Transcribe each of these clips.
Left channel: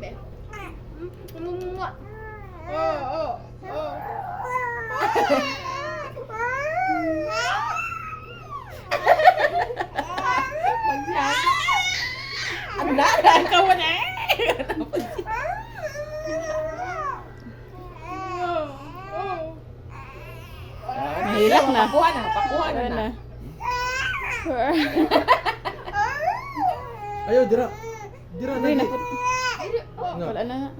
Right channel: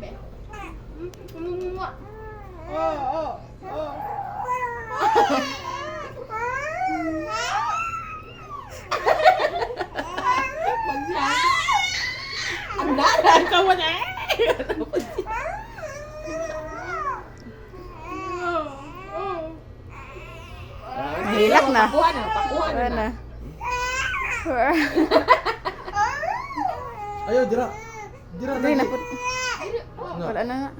be. Kumumuha. Oh. Ang daran ka mo na Mahilak na. Pakuha Wala na. na. Ayaw, dira. Dira Dili na lagi. po. Wala na nga.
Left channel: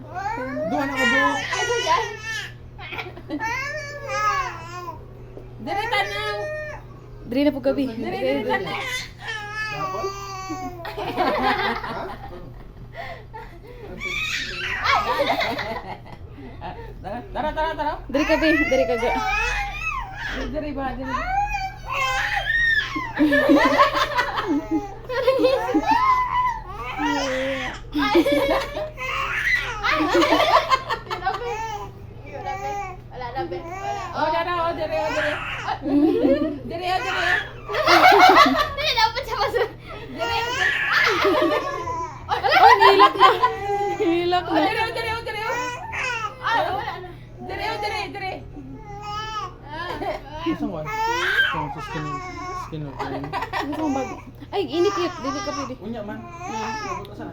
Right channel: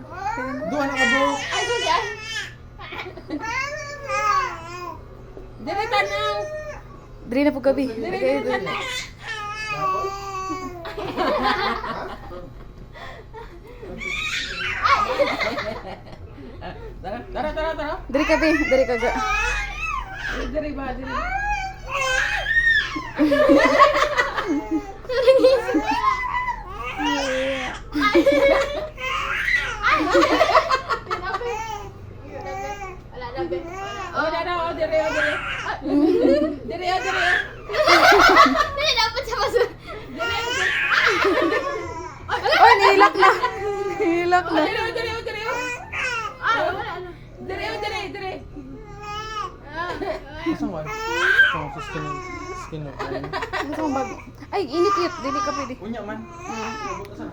Duha na ka bro. Ay, ko yan. Dire tanang. Dili na po gabi. Dire tanang. Tara. Dili gabi. Dili kaga. Dire ba? Dire. Wala na be. Oh, dire. Dire. Dili dapat sa basura. Oh, nihilak na. Nihilak na. Dire. Ay, wala na. Dire. Isang one. Isang sa skin mo. Gusto kong bago. Ay, init yun. Dili ka pwede. Unya man. Abot asa.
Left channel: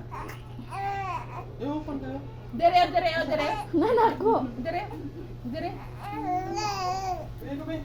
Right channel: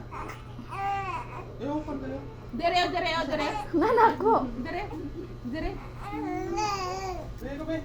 Yo, pantay. Dire. Nanak ko. Dire. Sige, gabi.